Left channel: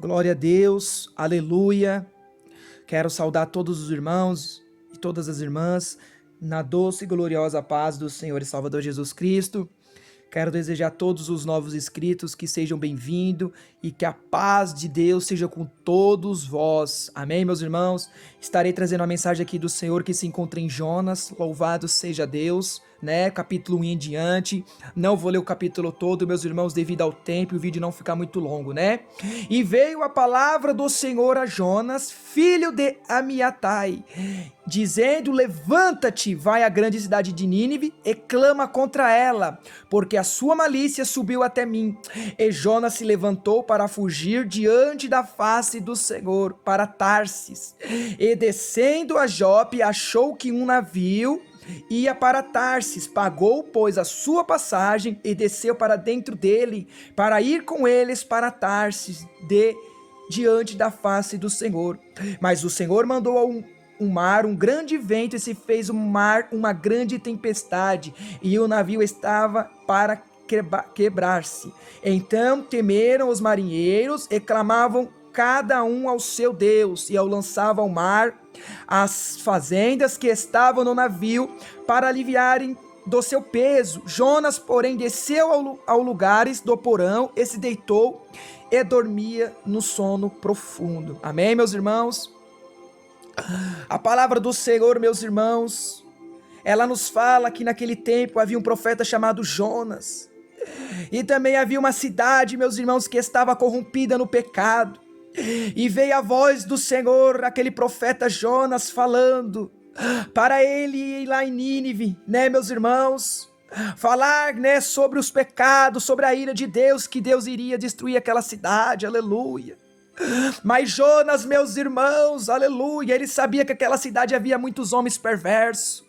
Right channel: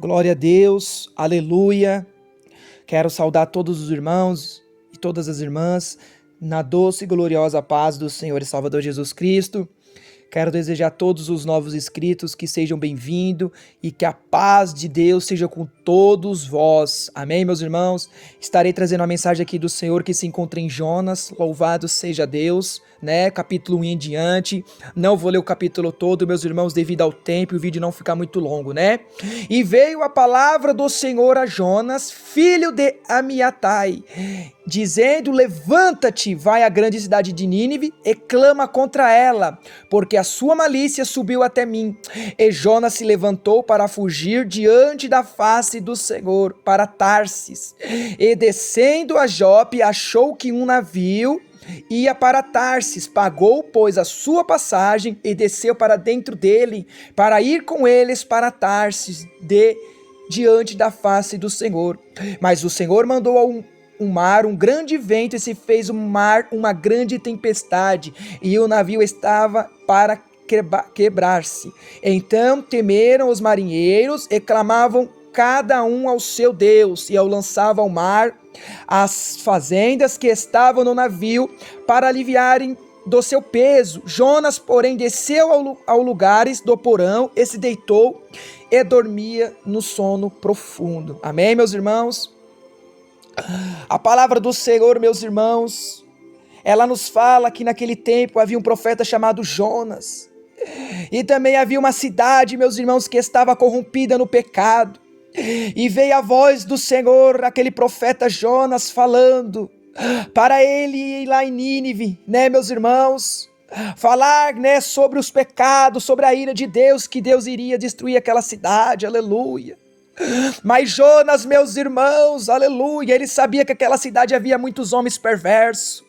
Glória a Deus, aleluia. Quero saudar todos os irmãos e todas as irmãs na doce e gloriosa paz do Senhor e Salvador Jesus Cristo. Quero desejar a todos os novos inscritos que sejam bem-vindos e que a paz de Deus seja com todos vós. Amém, meus irmãos? Estarei trazendo a mensagem aqui do Senhor que se encontra em Jonas. Louvado seja Deus, né? Capítulo 1 em diante. Não vou ler o capítulo todo, meus irmãos, devido ao tempo e o vídeo não ficar muito longo, né? E veio a palavra do Senhor a Jonas, filho de Amiatai, dizendo: levanta-te, vai à grande cidade de Nínive e clama contra ela, porque a sua malícia subiu até mim. E Jonas se levantou para fugir diante da face do Senhor, para Tarsis. E descendo a Jope, achou que um navio ia para Tarsis, pagou, pois, a sua passagem e desceu para dentro dele, para ir com eles para Tarsis, diante da face do Senhor. Mas o Senhor mandou um mar, um grande vento, e se fez o mar uma grande tempestade, e o navio estava para quebrar-se. Então temeram os marinheiros e clamavam cada um ao seu Deus, e ao lançavam ao mar as fazendas que estavam no navio para aliviarem do seu peso. Jonas, porém, desceu ao lugares do porão e se deitou e dormia no sono profundo. Amém, meus irmãos? A palavra do Senhor, meus irmãos, ela nos fala que naquele tempo havia um profeta chamado Jonas. E também havia uma cidade, meus irmãos, que estava corrompida no pecado. E veio a voz do Senhor, aquele profeta Jonas, falando para ele ir lá em Nínive, né, meus irmãos? Falar, né, sobre os pecados, sobre a ira de Deus, que Deus iria destruir aquela cidade, aleluia. Mas Jonas, meus irmãos, aleluia, ele sabia que aquela cidade havia muitos homens perversos.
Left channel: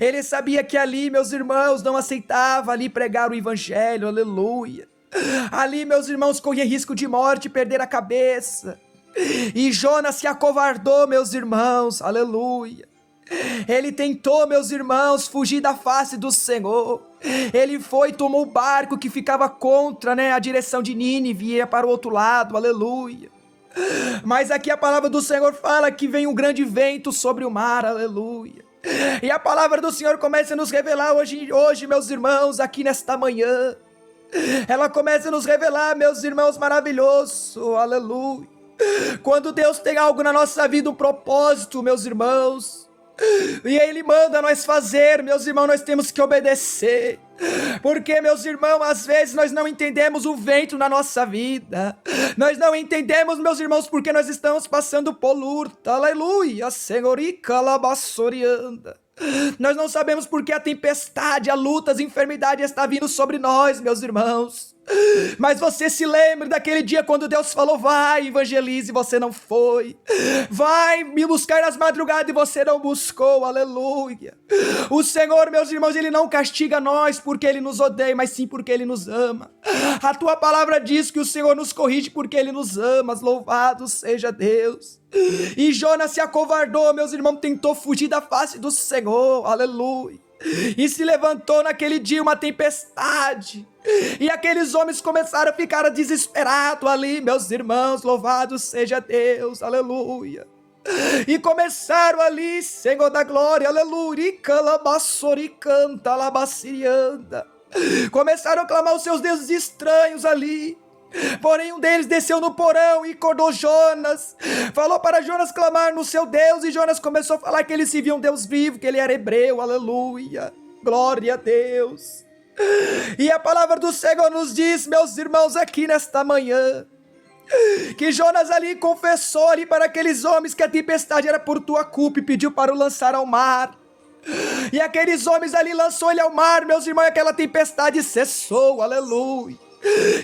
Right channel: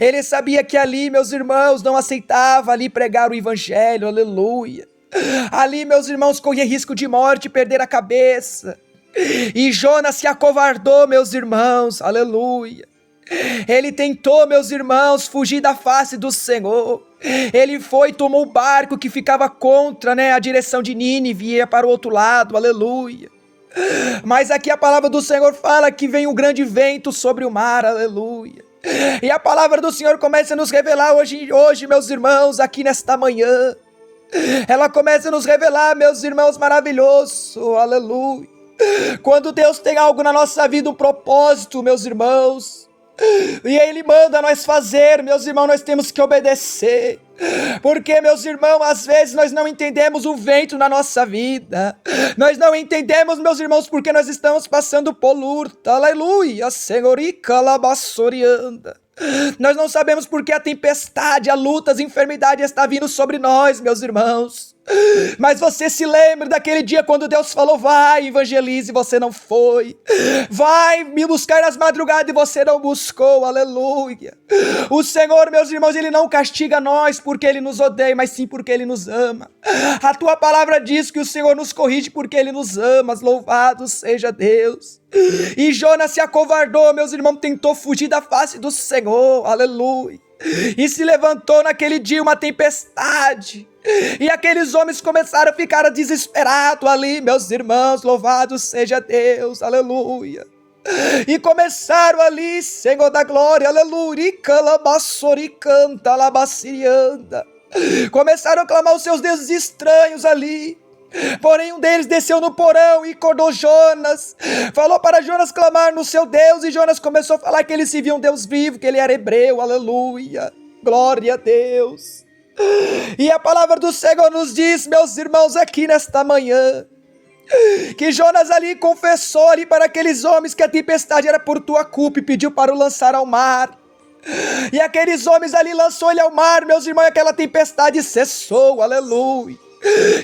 Ele sabia que ali, meus irmãos, não aceitava ali pregar o evangelho, aleluia. Ali, meus irmãos, corria risco de morte, perder a cabeça. E Jonas se acovardou, meus irmãos, aleluia. Ele tentou, meus irmãos, fugir da face do Senhor. Ele foi, tomou o barco que ficava contra, né, a direção de Nínive e ia para o outro lado, aleluia. Mas aqui a palavra do Senhor fala que vem um grande vento sobre o mar, aleluia. E a palavra do Senhor começa a nos revelar hoje, meus irmãos, aqui nesta manhã. Ela começa a nos revelar, meus irmãos, maravilhoso, aleluia. Quando Deus tem algo na nossa vida, um propósito, meus irmãos, e Ele manda nós fazer, meus irmãos, nós temos que obedecer. Porque, meus irmãos, às vezes nós não entendemos o vento na nossa vida. Nós não entendemos, meus irmãos, porque nós estamos passando por luta, aleluia, Senhorica labassorianda. Nós não sabemos porque a tempestade, a luta, as enfermidades está vindo sobre nós, meus irmãos. Mas você se lembra daquele dia quando Deus falou: vai, evangelize, e você não foi. Vai me buscar nas madrugadas e você não buscou, aleluia. O Senhor, meus irmãos, Ele não castiga nós porque Ele nos odeia, mas sim porque Ele nos ama. A tua palavra diz que o Senhor nos corrige porque Ele nos ama, louvado seja Deus. E Jonas se acovardou, meus irmãos, tentou fugir da face do Senhor, aleluia. E se levantou naquele dia uma tempestade, e aqueles homens começaram a ficar desesperados ali, meus irmãos, louvado seja Deus, aleluia. E começaram ali, Senhor da glória, aleluia, canta labacirianda. Começaram a clamar os seus deuses estranhos ali. Porém um deles desceu no porão e acordou Jonas, falou para Jonas clamar no seu Deus, e Jonas começou a falar que ele se via um Deus vivo, que ele era hebreu, aleluia, glória a Deus. E a palavra do Senhor nos diz, meus irmãos, aqui nesta manhã, que Jonas ali confessou ali para aqueles homens que a tempestade era por tua culpa e pediu para o lançar ao mar. E aqueles homens ali lançou ele ao mar, meus irmãos, e aquela tempestade cessou, aleluia.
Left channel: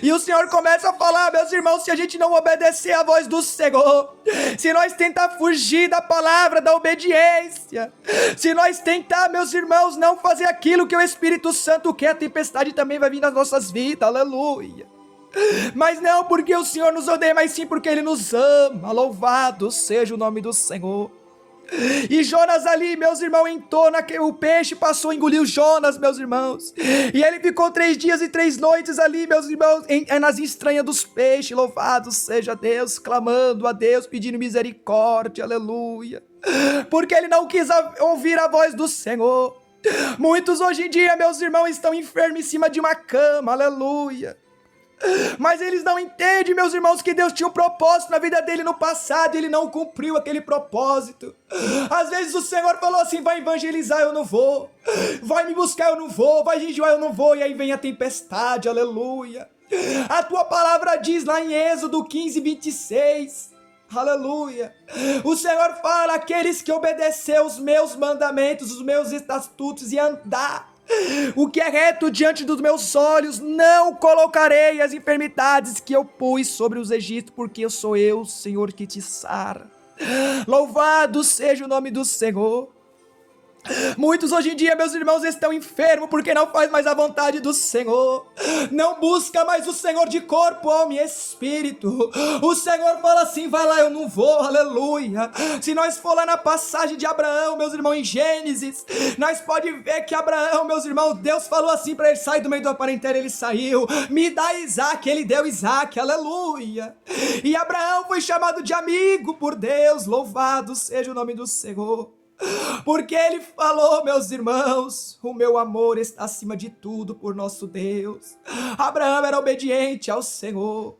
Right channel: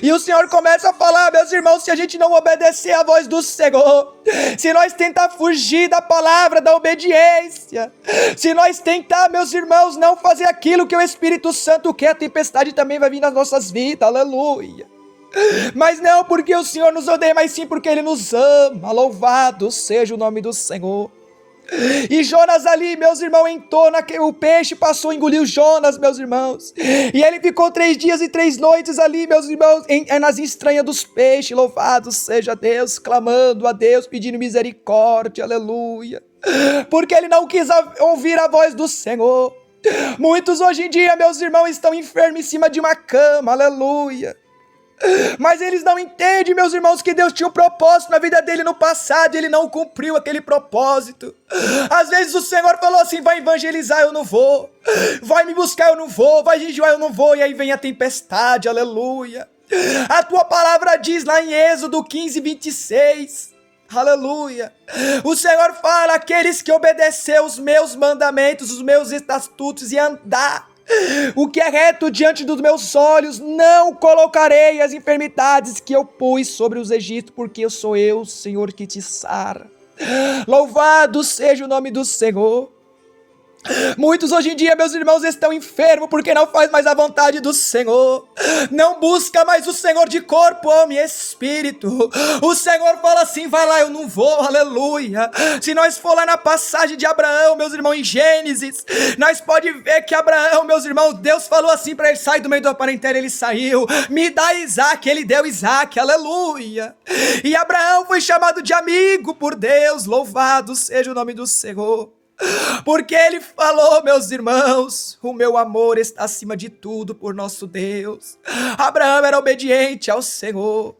E o Senhor começa a falar, meus irmãos, se a gente não obedecer à voz do Senhor, se nós tentar fugir da palavra, da obediência, se nós tentar, meus irmãos, não fazer aquilo que o Espírito Santo quer, a tempestade também vai vir nas nossas vidas, aleluia. Mas não porque o Senhor nos odeia, mas sim porque Ele nos ama, louvado seja o nome do Senhor. E Jonas ali, meus irmãos, o peixe passou, engoliu Jonas, meus irmãos. E ele ficou 3 dias e 3 noites ali, meus irmãos, nas entranhas dos peixes. Louvado seja Deus, clamando a Deus, pedindo misericórdia, aleluia. Porque ele não quis ouvir a voz do Senhor. Muitos hoje em dia, meus irmãos, estão enfermos em cima de uma cama, aleluia. Mas eles não entendem, meus irmãos, que Deus tinha um propósito na vida dele no passado e ele não cumpriu aquele propósito. Às vezes o Senhor falou assim: vai evangelizar, eu não vou. Vai me buscar, eu não vou. Vai jejuar, eu não vou. E aí vem a tempestade, aleluia. A tua palavra diz lá em Êxodo 15:26, aleluia. O Senhor fala: aqueles que obedecem os meus mandamentos, os meus estatutos e andar o que é reto diante dos meus olhos, não colocarei as enfermidades que eu pus sobre os egípcios, porque eu sou eu, Senhor, que te sara. Louvado seja o nome do Senhor. Muitos hoje em dia, meus irmãos, estão enfermos porque não faz mais a vontade do Senhor, não busca mais o Senhor de corpo, alma e espírito. O Senhor fala assim: vai lá, eu não vou, aleluia. Se nós for lá na passagem de Abraão, meus irmãos, em Gênesis, nós pode ver que Abraão, meus irmãos, Deus falou assim para ele: sai do meio da parentela, ele saiu, me dá Isaac, ele deu Isaac, aleluia. E Abraão foi chamado de amigo por Deus, louvado seja o nome do Senhor. Porque ele falou, meus irmãos, o meu amor está acima de tudo por nosso Deus. Abraão era obediente ao Senhor.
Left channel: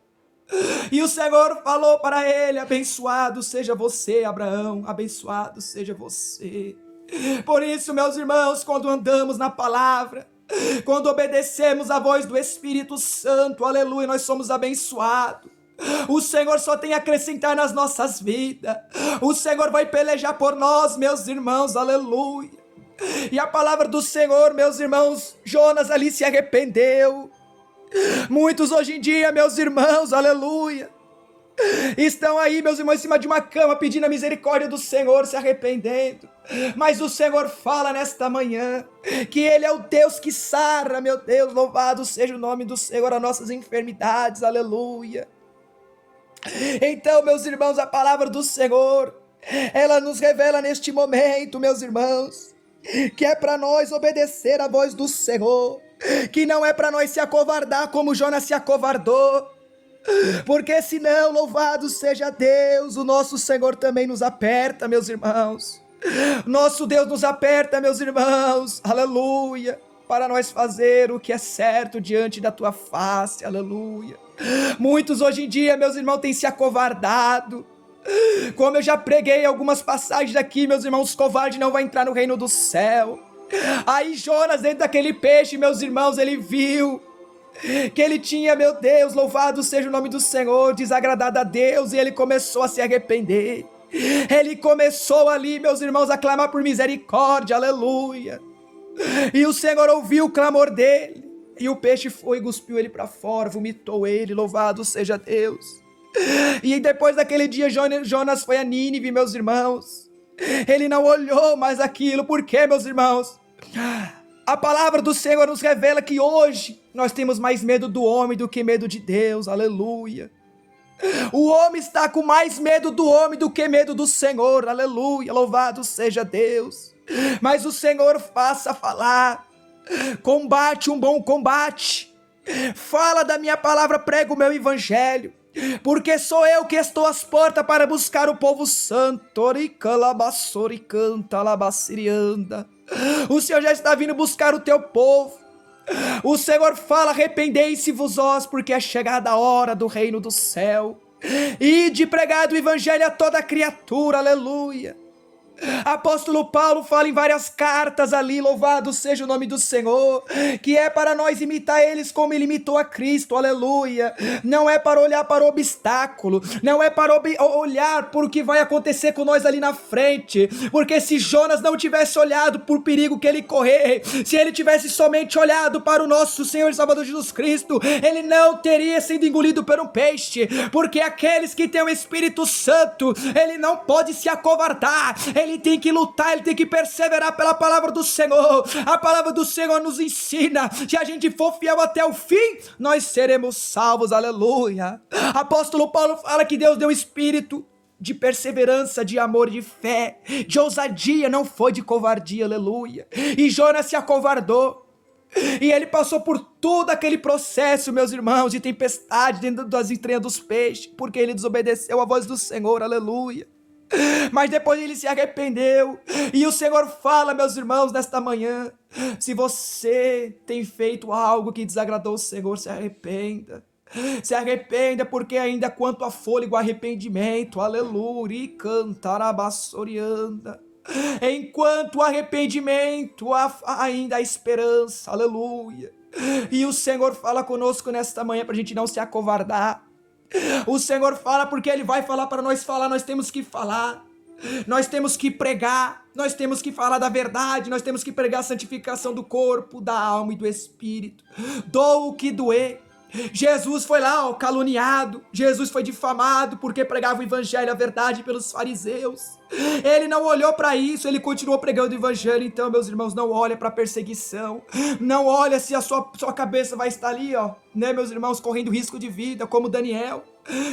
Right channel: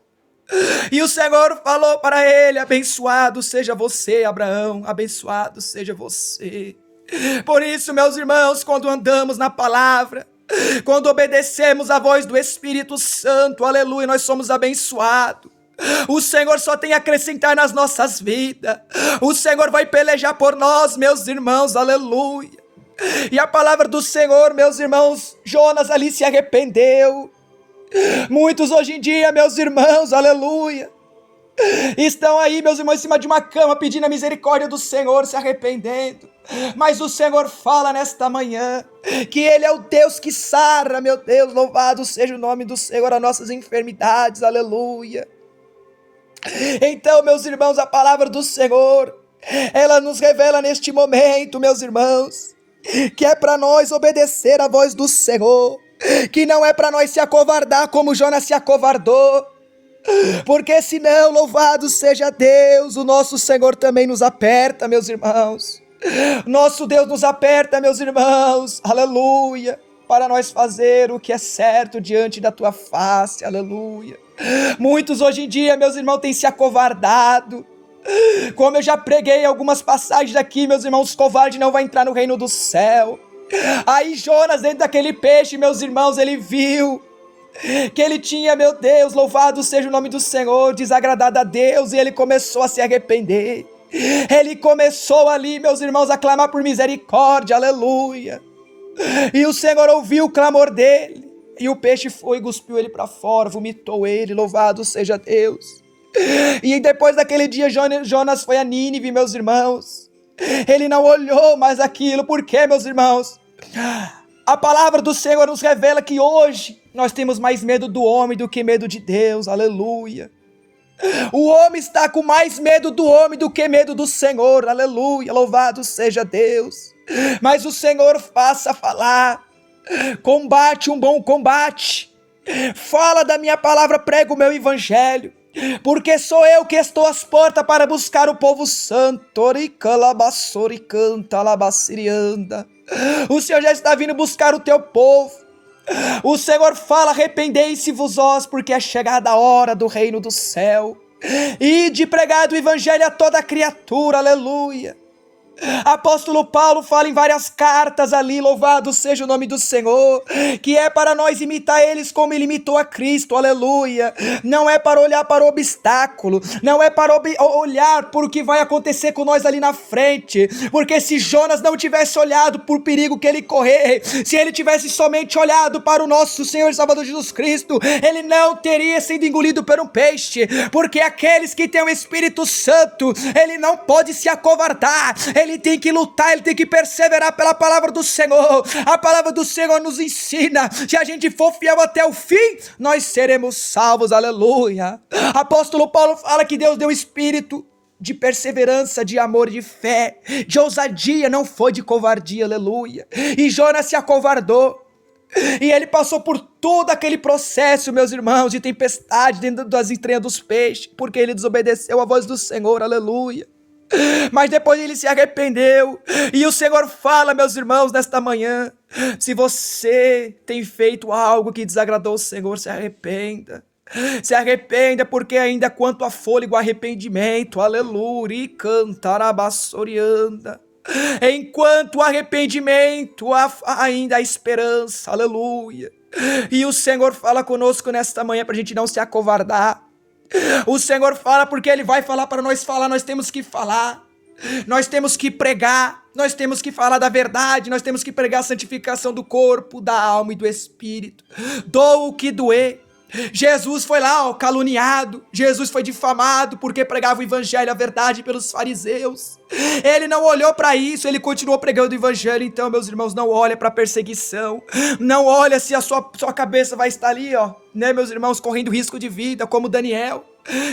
E o Senhor falou para ele: abençoado seja você, Abraão, abençoado seja você. Por isso, meus irmãos, quando andamos na palavra, quando obedecemos a voz do Espírito Santo, aleluia, nós somos abençoados. O Senhor só tem a acrescentar nas nossas vidas. O Senhor vai pelejar por nós, meus irmãos, aleluia. E a palavra do Senhor, meus irmãos, Jonas ali se arrependeu. Muitos hoje em dia, meus irmãos, aleluia, estão aí, meus irmãos, em cima de uma cama pedindo a misericórdia do Senhor, se arrependendo. Mas o Senhor fala nesta manhã que Ele é o Deus que sara, meu Deus, louvado seja o nome do Senhor, as nossas enfermidades, aleluia. Então, meus irmãos, a palavra do Senhor, ela nos revela neste momento, meus irmãos, que é para nós obedecer a voz do Senhor, que não é para nós se acovardar como Jonas se acovardou, porque senão, louvado seja Deus, o nosso Senhor também nos aperta, meus irmãos. Nosso Deus nos aperta, meus irmãos, aleluia, para nós fazer o que é certo diante da tua face, aleluia. Muitos hoje em dia, meus irmãos, têm se acovardado. Como eu já preguei algumas passagens aqui, meus irmãos, covarde não vai entrar no reino do céu. Aí Jonas, dentro daquele peixe, meus irmãos, ele viu que ele tinha, meu Deus, louvado seja o nome do Senhor, desagradado a Deus, e ele começou a se arrepender. Ele começou ali, meus irmãos, a clamar por misericórdia, aleluia. E o Senhor ouviu o clamor dele, e o peixe foi e cuspiu ele para fora, vomitou ele, louvado seja Deus. E depois daquele dia, Jonas foi a Nínive, meus irmãos. Ele não olhou mais aquilo. Por quê, meus irmãos? A palavra do Senhor nos revela que hoje nós temos mais medo do homem do que medo de Deus, aleluia. O homem está com mais medo do homem do que medo do Senhor, aleluia, louvado seja Deus. Mas o Senhor faça falar, combate um bom combate, fala da minha palavra, prega o meu evangelho, porque sou eu que estou às portas para buscar o povo santo. O Senhor já está vindo buscar o teu povo. O Senhor fala: arrependei-se-vos vós, porque é chegada a hora do reino do céu, e de pregar o evangelho a toda criatura, aleluia. Apóstolo Paulo fala em várias cartas ali, louvado seja o nome do Senhor, que é para nós imitar eles como ele imitou a Cristo, aleluia. Não é para olhar para o obstáculo, não é para olhar por o que vai acontecer com nós ali na frente, porque se Jonas não tivesse olhado por perigo que ele correr, se ele tivesse somente olhado para o nosso Senhor e Salvador Jesus Cristo, ele não teria sido engolido por um peixe, porque aqueles que têm o Espírito Santo, ele não pode se acovardar, ele tem que lutar, ele tem que perseverar pela palavra do Senhor. A palavra do Senhor nos ensina: se a gente for fiel até o fim, nós seremos salvos, aleluia. Apóstolo Paulo fala que Deus deu Espírito de perseverança, de amor, de fé, de ousadia, não foi de covardia, aleluia. E Jonas se acovardou. E ele passou por todo aquele processo, meus irmãos, de tempestade dentro das entranhas dos peixes, porque ele desobedeceu a voz do Senhor, aleluia. Mas depois ele se arrependeu, e o Senhor fala, meus irmãos, nesta manhã: se você tem feito algo que desagradou o Senhor, se arrependa. Se arrependa, porque ainda quanto a fôlego, arrependimento, aleluia, e cantarabassorianda. Enquanto o arrependimento, ainda há esperança, aleluia. E o Senhor fala conosco nesta manhã para a gente não se acovardar. O Senhor fala porque Ele vai falar para nós falar, nós temos que falar. Nós temos que pregar, nós temos que falar da verdade, nós temos que pregar a santificação do corpo, da alma e do espírito. Doa o que doer. Jesus foi lá, caluniado, Jesus foi difamado porque pregava o evangelho, a verdade, pelos fariseus. Ele não olhou para isso, ele continuou pregando o evangelho. Então, meus irmãos, não olha para a perseguição, não olha se a sua cabeça vai estar ali, né, meus irmãos, correndo risco de vida, como Daniel.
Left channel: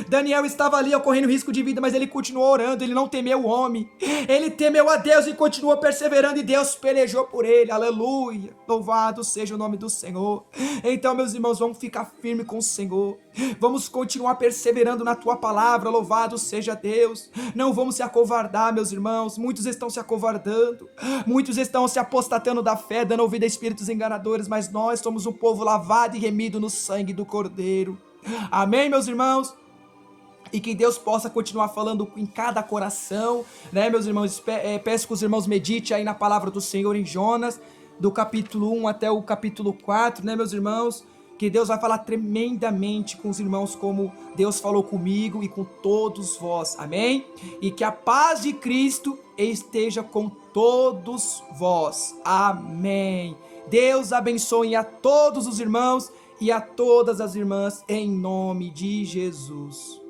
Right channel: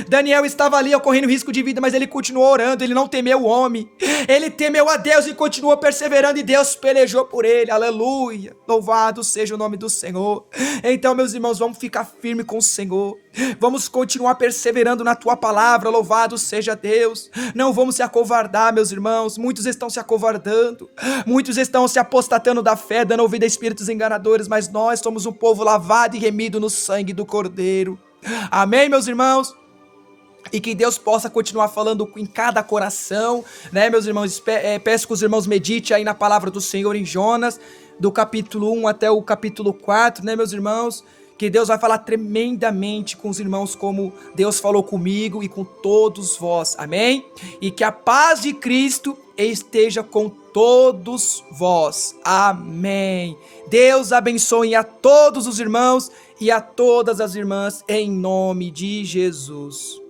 Daniel estava ali, correndo risco de vida, mas ele continuou orando, ele não temeu o homem, ele temeu a Deus e continuou perseverando, e Deus pelejou por ele, aleluia, louvado seja o nome do Senhor. Então, meus irmãos, vamos ficar firme com o Senhor, vamos continuar perseverando na tua palavra, louvado seja Deus, não vamos se acovardar, meus irmãos. Muitos estão se acovardando, muitos estão se apostatando da fé, dando ouvido a espíritos enganadores, mas nós somos um povo lavado e remido no sangue do Cordeiro. Amém, meus irmãos? E que Deus possa continuar falando em cada coração, né, meus irmãos? Peço que os irmãos meditem aí na palavra do Senhor em Jonas, do capítulo 1 até o capítulo 4, né, meus irmãos? Que Deus vai falar tremendamente com os irmãos, como Deus falou comigo e com todos vós, amém? E que a paz de Cristo esteja com todos vós, amém? Deus abençoe a todos os irmãos e a todas as irmãs, em nome de Jesus.